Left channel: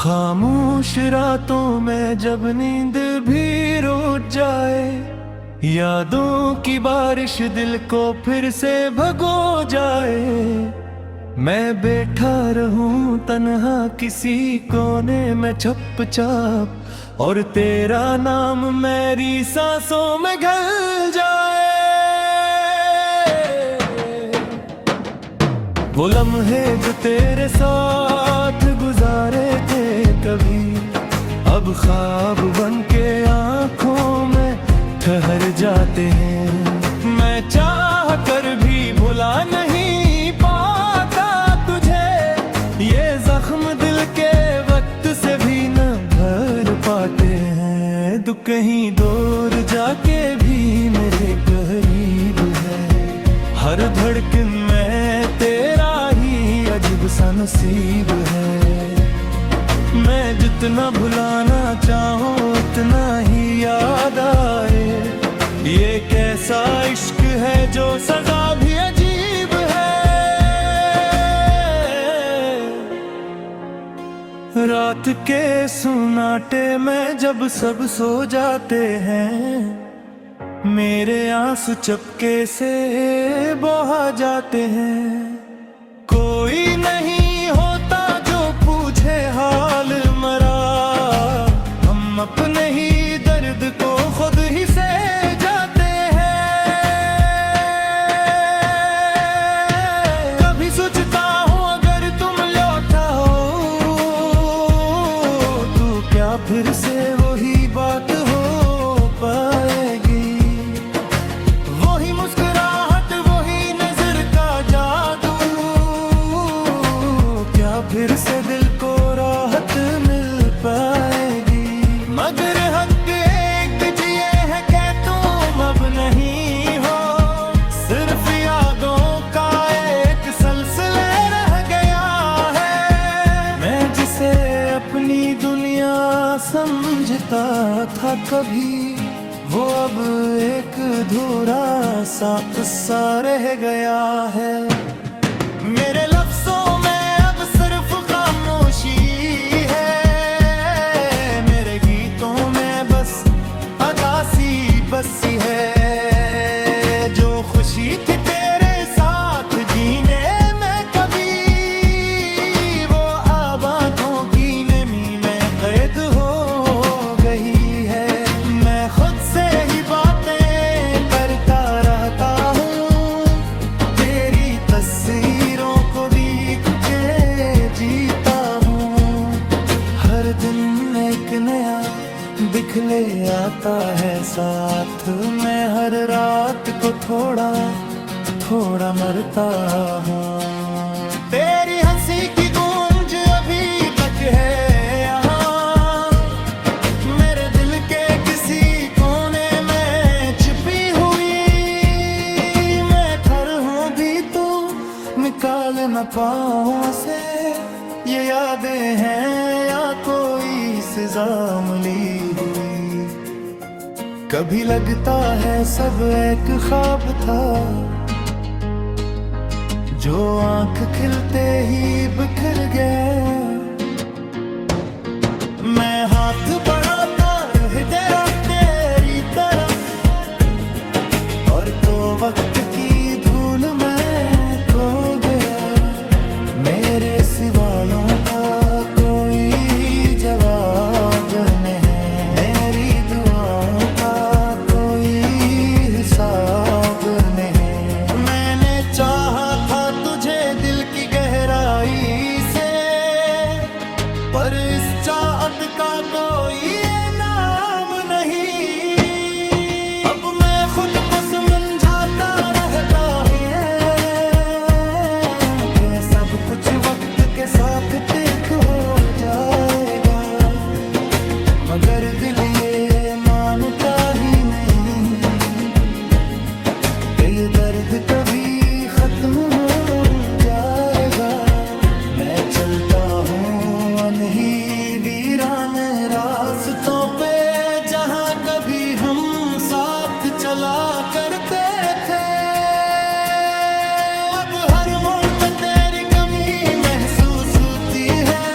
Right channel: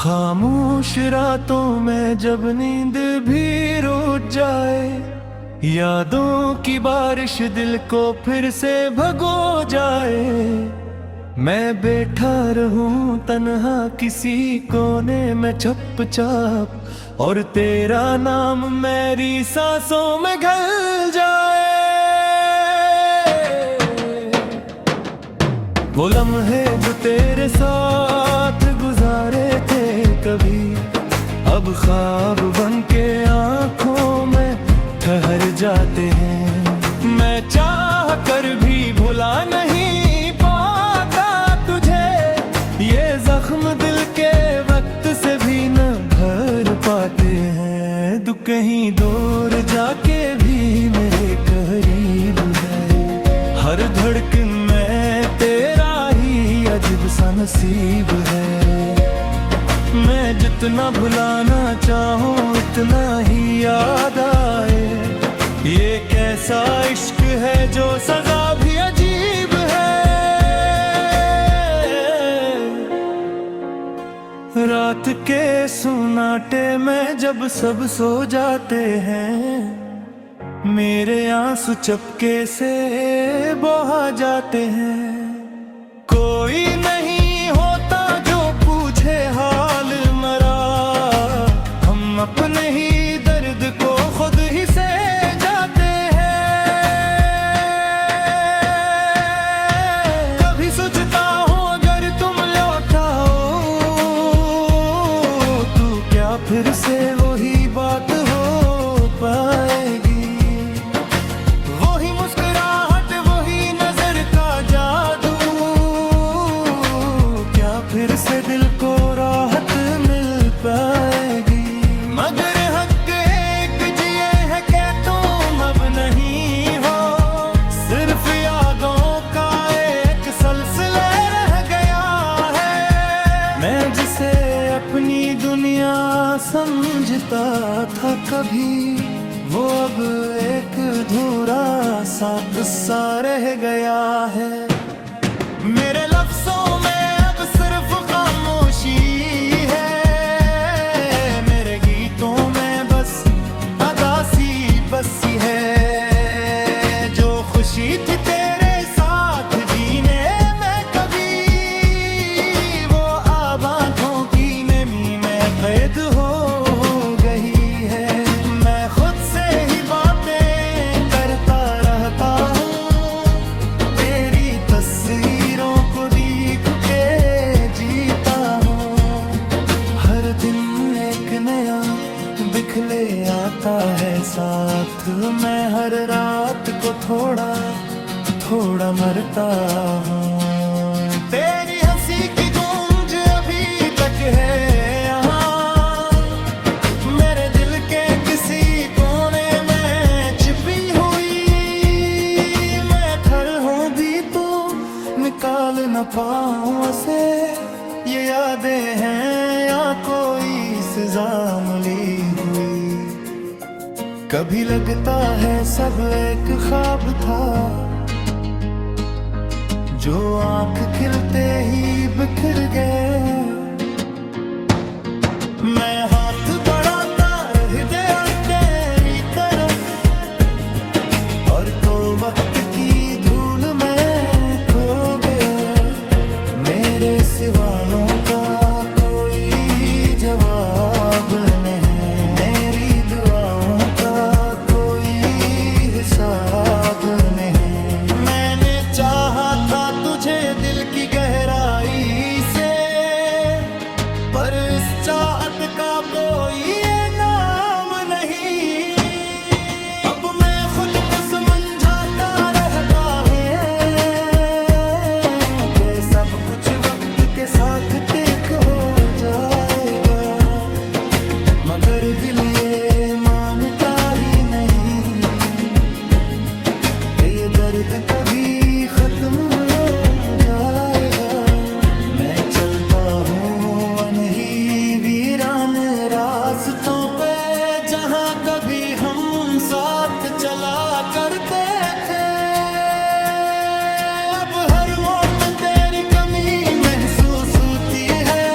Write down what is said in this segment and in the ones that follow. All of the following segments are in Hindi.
खामोश रातों में जब नींद भी रूठ जाए, यादों की बारिश दिल को फिर से भगो जाए। मैं बैठा रहूं तन्हा किसी कोने में चुपचाप, और तेरा नाम मेरी सांसों में घल जाए। वो लम्हे जो तेरे साथ गुजारे थे कभी, अब ख्वाब बन के आंखों में ठहर जाते हैं। मैं चाह कर भी भुला नहीं पाता तुझे, ये जख्म दिल के वक्त से भी न भर पाते हैं। तू कहीं दूर जाके भी मेरे करीब है, हर धड़कन में तेरा ही अजीब सा नसीब है। मैं जितना भुलाना चाहूं इतना ही याद आए, ये कैसा इश्क है जो सजा भी अजीब है। रात के सुनाटे में जब सब सो जाते हैं, मेरे आंसू चपके से बहा जाते हैं। कोई नहीं होता जो पूछे हाल मरा, हम अपने ही दर्द को खुद ही से जाते हैं। कभी सोचता हूँ अगर तुम लौटा हो, तो क्या फिर से वही बात हो पाएगी। वही मुस्कुराहट, वही नजर का जादू, क्या फिर से दिल को राहत मिल पाएगी। मगर हक एक जिए है कि तुम अब नहीं हो, सिर्फ यादों का एक सिलसिला रह गया है। मैं जिसे अपनी दुनिया समझता था कभी, वो अब एक अधूरा सा किस्सा रह गया है। मेरे लफ्जों में अब सिर्फ खामोशी है, मेरे गीतों में बस अदासी बसी है। जो खुशी थी तेरे साथ जीने में कभी, वो अब आंखों की नमी में कैद हो गई है। मैं खुद से ही बातें करता रहता हूँ, तेरी तस्वीरों को देख के जीता हूँ। हर दिन एक नया दिखले आता है साथ, मैं हर रात को थोड़ा थोड़ा मरता हूँ। तेरी हंसी की गूंज अभी तक है यहाँ, मेरे दिल के किसी कोने में छिपी हुई। मैं थर हूँ भी तो निकाल न पाऊँ उसे, ये यादें हैं या कोई सजा मिली हुई। कभी लगता है सब एक ख्वाब था, जो आंख खिलते ही बिखर गया। मैं हाथ बढ़ाता रह गया तेरी तरफ, और तो वक्त की धूल में खो गया। मेरे सवालों का कोई जवाब नहीं, मेरी दुआओं का कोई हिसाब नहीं। मैंने चाहा था तुझे दिल की गहराई से, पर इस चाहत का कोई नाम नहीं। अब मैं खुद को समझाता रहता हूँ कि सब कुछ वक्त के साथ ठीक हो जाएगा, मगर दिल ये मानता ही नहीं कि ये दर्द कभी खत्म हो जाएगा। मैं चलता हूँ अनही वीरान रास्तों पे, जहाँ कभी हम साथ चला करते थे। अब हर मोड़ पे तेरी कमी महसूस होती है,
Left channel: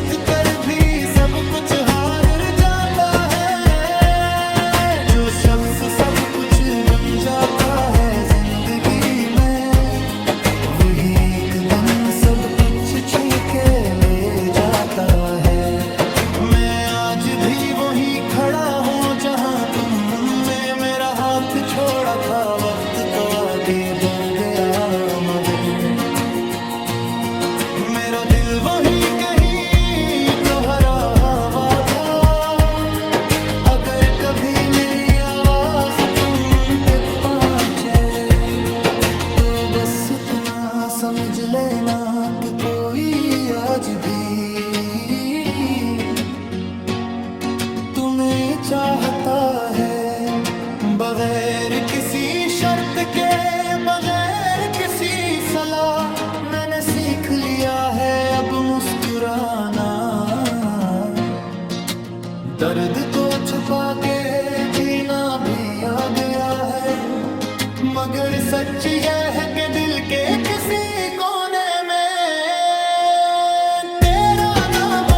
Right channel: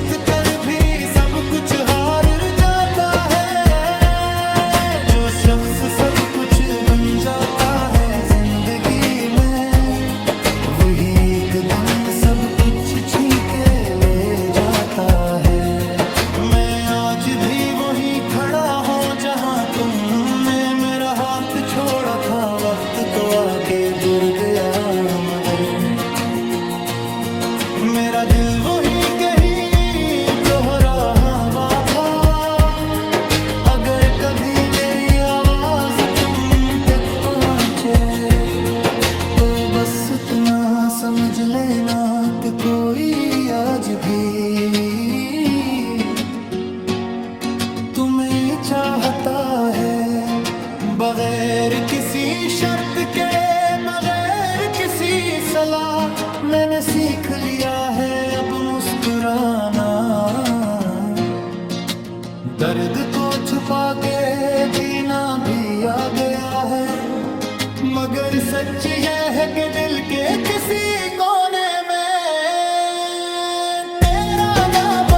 जीत कर भी सब कुछ हार जाता है। जो शख्स सब कुछ बन जाता है जिंदगी में, वही एक दिन सब कुछ छीन के ले जाता है। मैं आज भी वहीं खड़ा हूँ जहाँ तुमने मेरा हाथ छोड़ा था। वक्त तो आगे बढ़ गया मगर मेरा दिल वहीं कहीं तोहरा हवा था। अगर कभी मेरी आवाज तुम पे पहुँचे तो बस उतना समझ लेना कि कोई आज भी तुम्हें चाहता है। बगैर किसी शर्त के, बगैर किसी सलाह, मैंने सीख लिया है अब मुस्कुराना। दर्द को छुपा के जीना भी आ गया है, मगर सच ये है कि दिल के किसी कोने में तेरा नाम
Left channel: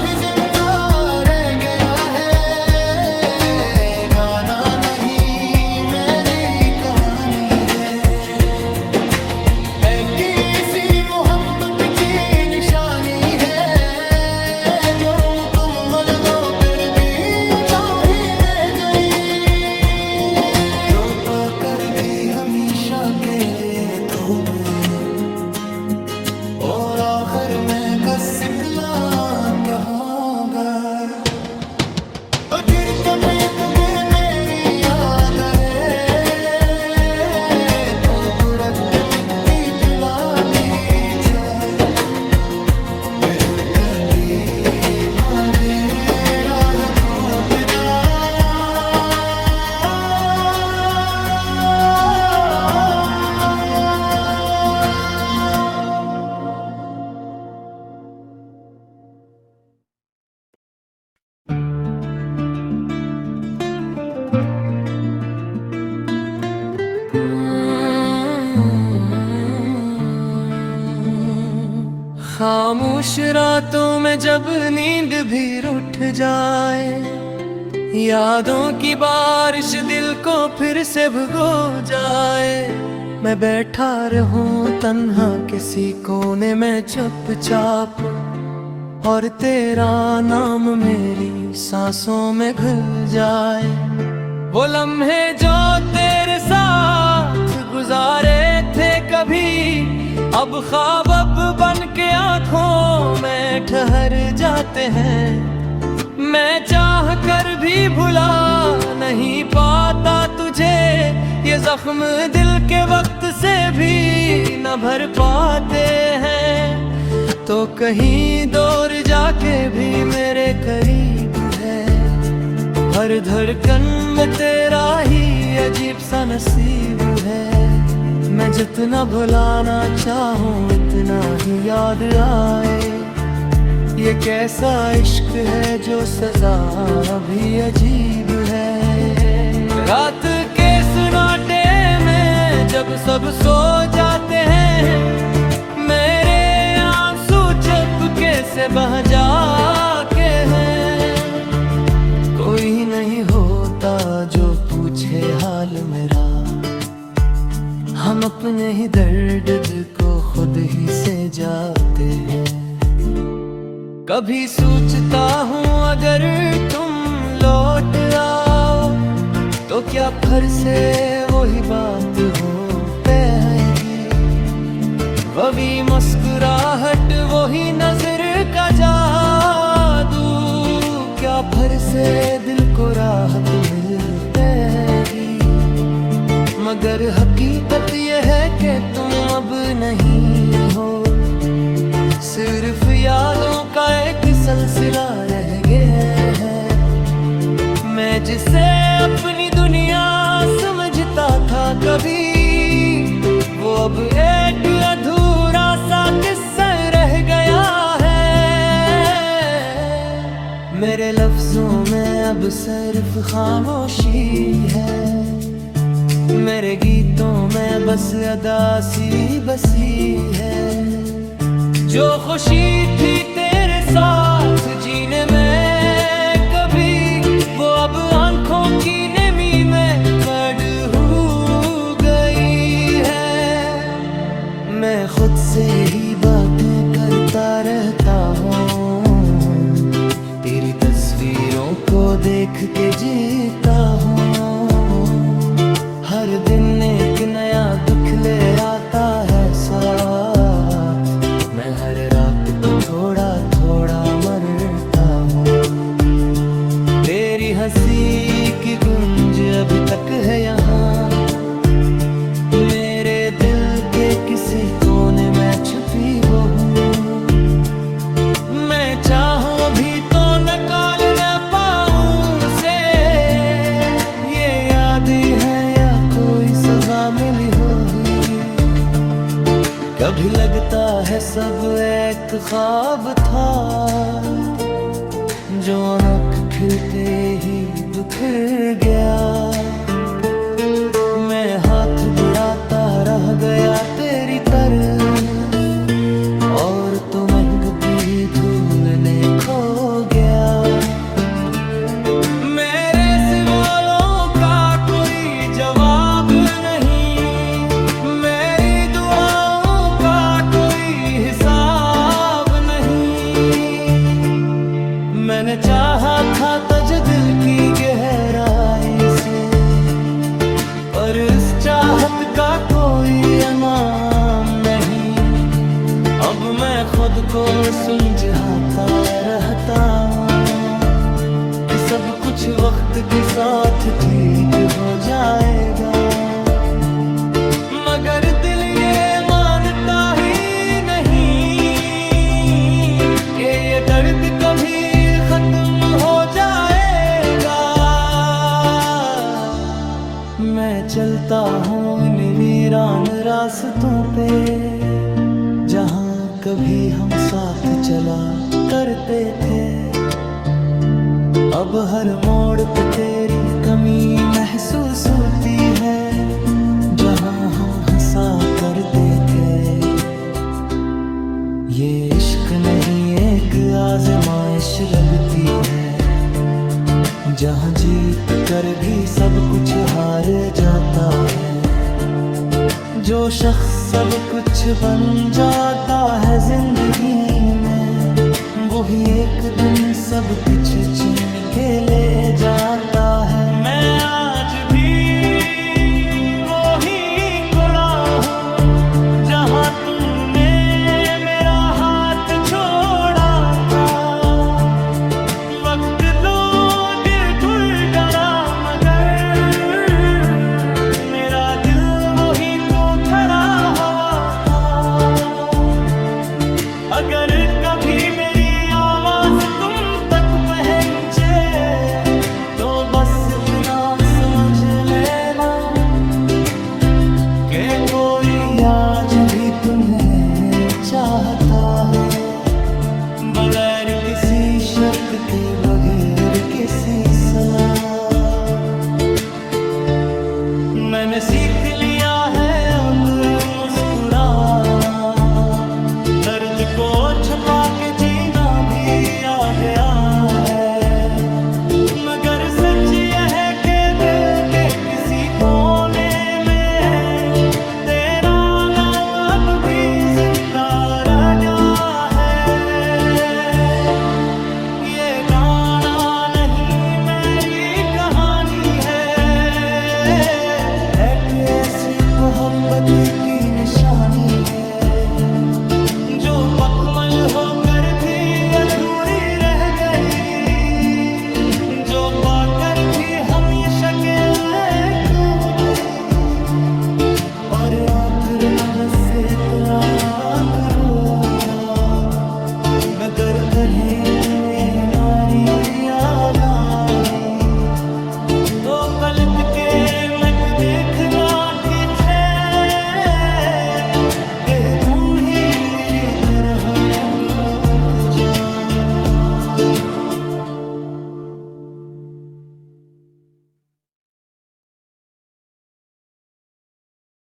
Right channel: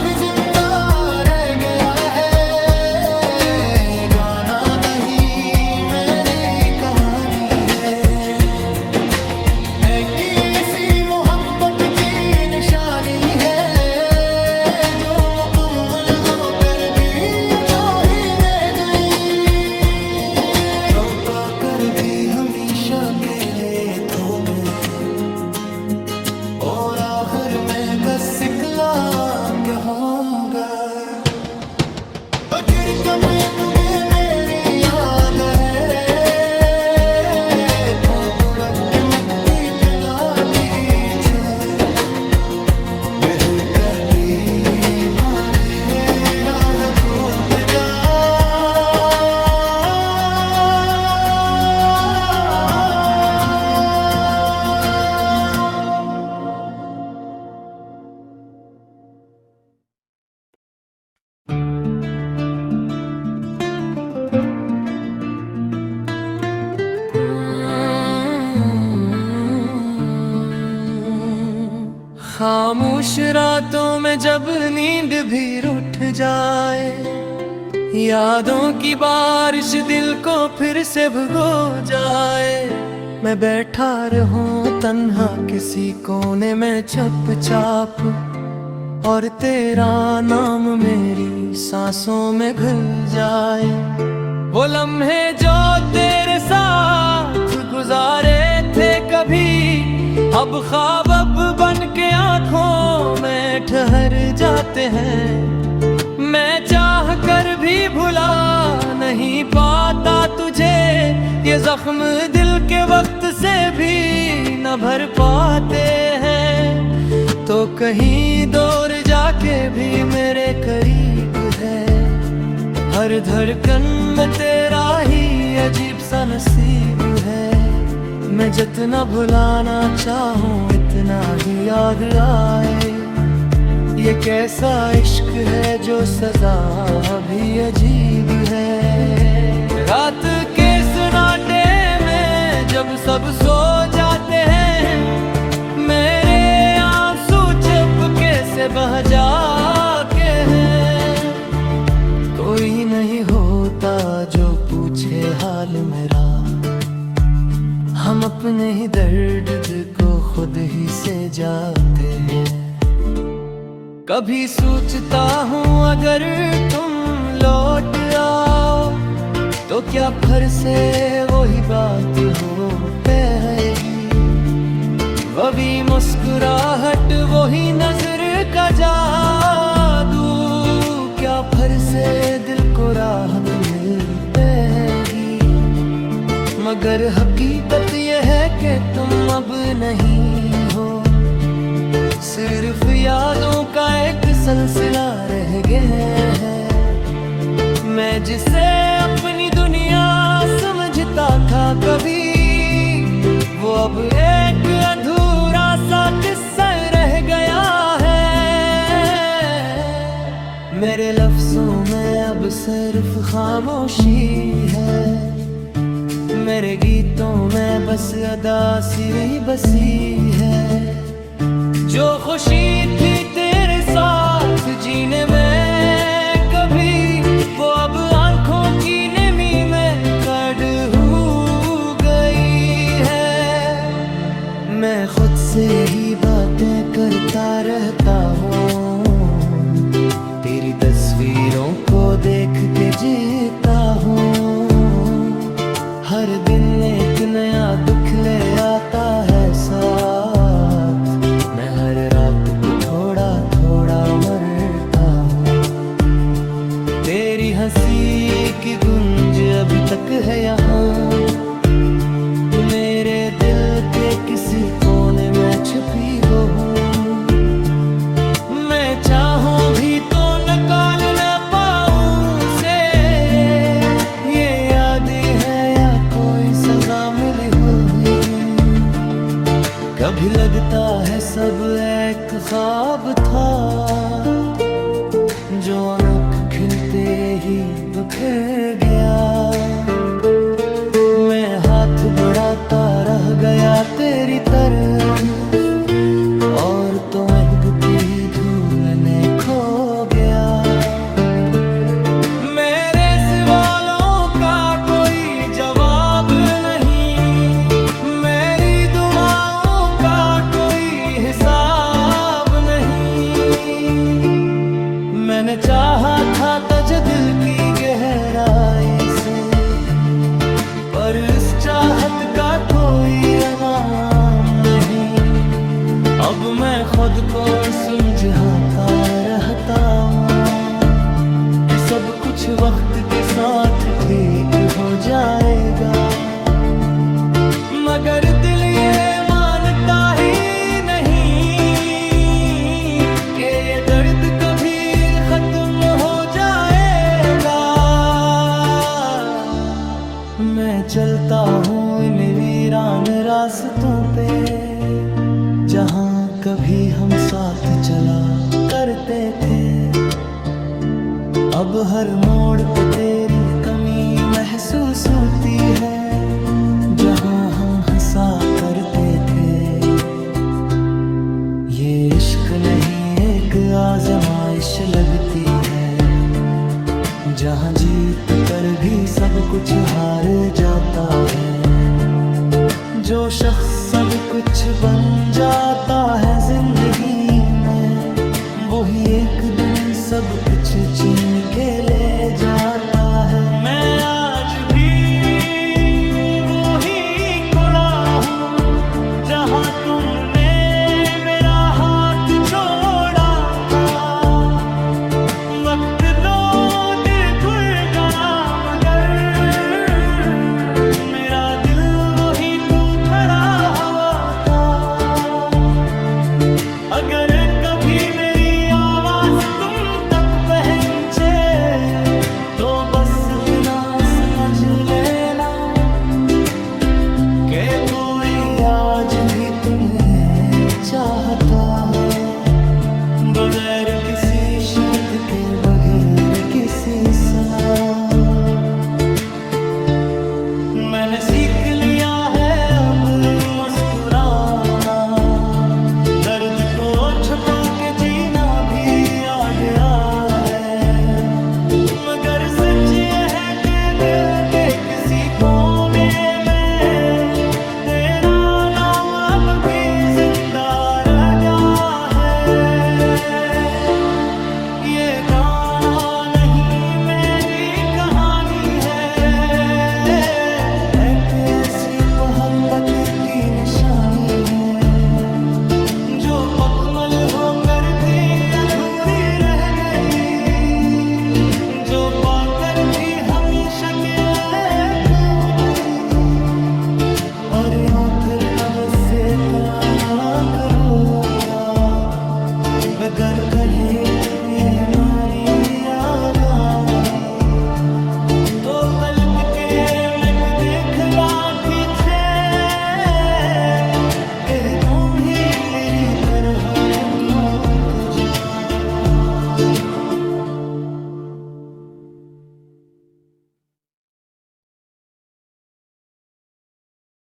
भी जिंदा रह गया है। गाना नहीं मेरी कहानी है किसी मोहब्बत की निशानी है। जो मुकम्मल होकर भी कर भी हमेशा अकेले थो गए, और आखिर में बस इकला कहूँगा। अगर कभी तुझे मेरी याद है तो रख के मिट्टी पिला पीछे कर भी मांगे राग टूट जा। खामोश रातों में जब नींद भी रूठ जाए, यादों की बारिश दिल को फिर से भिगो जाए। मैं बैठा रहूं तन्हा किसी कोने में चुपचाप, और तेरा नाम मेरी सांसों में घुल जाए। वो लम्हे जो तेरे साथ गुजारे थे कभी, अब ख्वाब अब बन के आँखों में ठहर जाते हैं। मैं चाह कर भी भुला नहीं पाता तुझे, ये जख्म दिल के वक्त से भी न भर पाते हैं। तो कहीं दूर जाके भी मेरे करीब है, हर धड़कन में तेरा ही अजीब सा नसीब है। मैं जितना भुलाना चाहूँ इतना ही याद आए। ये कैसा इश्क है जो सजा भी अजीब है। रात के सन्नाटे में जब सब सो जाते हैं, मेरे आंसू चुपके से बह जाके हैं। कोई नहीं होता जो पूछे हाल मेरा, हम अपने ही दर्द को खुद ही से जाते हैं। कभी सोचता हूँ अगर तुम लौट आओ तो क्या फिर से वही बात हो पाएगी। वही मुस्कुराहट, वही नजर का जादू, क्या फिर से दिल को राहत मिल पाएगी। मगर हकीकत यह है कि तुम अब नहीं हो, सिर्फ यादों का एक सिलसिला रह गया है। मैं जिसे अपनी दुनिया समझता था कभी, वो अब एक अधूरा सा किस्सा रह गया है। मेरे लफ्जों में अब सिर्फ खामोशी है, मेरे गीतों में बस अदासी बसी है। जो खुशी थी तेरे साथ देखता रहता हूँ, तेरी तस्वीरों को देख के जीता हूँ। हर दिन एक नया दुख ले आता है साथ, मैं हर रात को थोड़ा थोड़ा मरता हूँ। तेरी हंसी की गूंज अभी तक है यहाँ, मेरे दिल के किसी कोने में छुपी वो हूँ। मैं चाहूं भी तो निकाल न पाऊं उसे, ये याद ही है या कोई सजा मिली हुई। कभी लगता है सब एक ख्वाब था, जो अनक खिलते ही बिखर गया। मैं हाथ बढ़ाता रह गया तेरी तरफ, और तो महकती धूल ने खो गया। मेरे सवालों का कोई जवाब नहीं, मेरी दुआओं का कोई हिसाब नहीं। मैंने चाहा था तुझे दिल की गहराई से, पर इस चाहत का कोई इनाम नहीं। अब मैं खुद को समझाता रहता हूँ कि सब कुछ वक्त के साथ ठीक हो जाएगा, मगर दिल ये मानता ही नहीं कि ये दर्द कभी खत्म हो जाएगा। मैं चलता हूँ इन वीरान रास्तों पे, जहाँ कभी हम साथ चला करते थे। अब हर मोड़ पे तेरी कमी महसूस होती है, जहाँ हम हंसा करते थे। ये इश्क नहीं एक आज़माइश लगती है, जहाँ जीत कर भी सब कुछ हार जाता है। जो शख्स सब कुछ बन जाता है जिंदगी में, वही एक दिन सब कुछ छीन के ले जाता है। मैं आज भी वही खड़ा हूँ जहाँ तुमने मेरा हाथ छोड़ा था। वक्त लो दिल धुल गया, मगर मेरा दिल वही तो खड़ा हवा था। अगर कभी मेरी आवाज तुम तक पहुंचे, तो बस इतना समझ लेना कि कोई आज भी तुम्हें चाहता है, बगैर किसी शर्त के, बगैर किसी सलाह। मैंने सीख लिया है अब मुस्कुराना, दर्द को छुपा के जीना भी आ गया है। मगर सच यह है कि दिल के किसी कोने में तेरा नाम अब भी जिंदा रह गया है। ये गाना नहीं मेरी कहानी है, एक ऐसी मोहब्बत की निशानी है, जो पकमल होकर भी अधूरी रह गई, जो पाकर भी हमेशा के लिए खो गई। और आखिर न बस से तलाक होगा, मैं दर कहे तुम्हें नारी याद आई, तो पलट के मैं देखला की थे, तुम ही मेरी तरह टूट जाओ।